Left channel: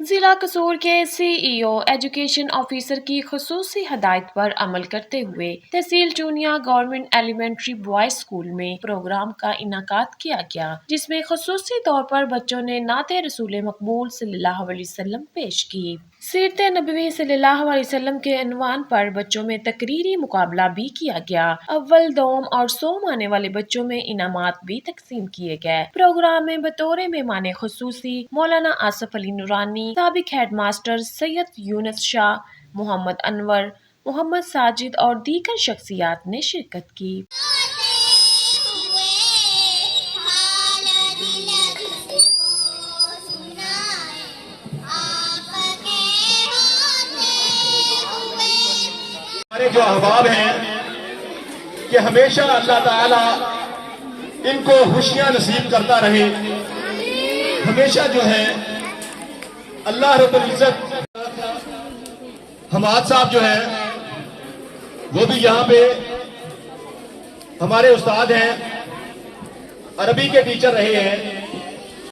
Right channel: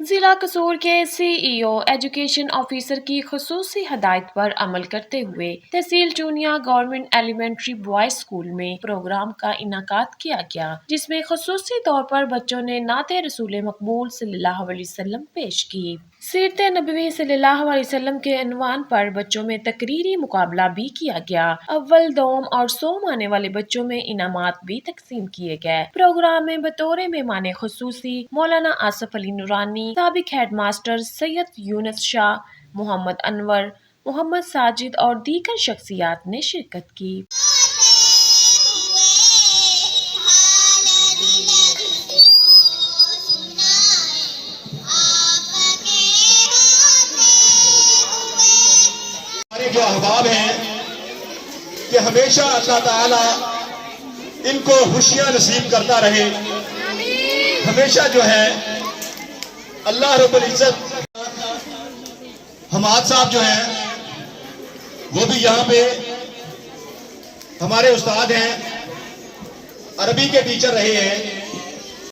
जिला कसूर के सीईओ एजुकेशन ऑफिसर की खुसूसी हदायत पर अमल करते हुए तहसील Chunian government elementary boys school में प्रोग्राम का इनाकाद किया गया, जिसमें खुसूसी तौर पर बच्चों ने नाते रसूल मकबूल सल्लल्लाहु अलैहि वसल्लम पेश की। सीरत नबवी सल्लल्लाहु अलैहि वसल्लम के अनवान पर बच्चों में तकरीरी मुकाबला भी किया गया। अव्वल, दोम और सोम आने वाले बच्चों में इनामात भी तकसीम किए गए। प्रोग्राम में बतौर मेहमान खुसूसी मौलाना आसफ अली नूरानी, साबिक हेडमास्टर सैयद यूनुस शाह, मोहम्मद अनवर, मोहम्मद साजिद और दीगर शख्सियात ने शिरकत की। हमारे जो अहबाब हैं कि हमेशा अल्लाह ताला इनको खुशियां नसीब करता रहे। हमेशा जो है अल्लाह रब्बुल इज्जत, हमाद साहब जो है वो भी यहाँ पे हमारे उस्ताद हैं, अरबी के टीचर रहे हैं।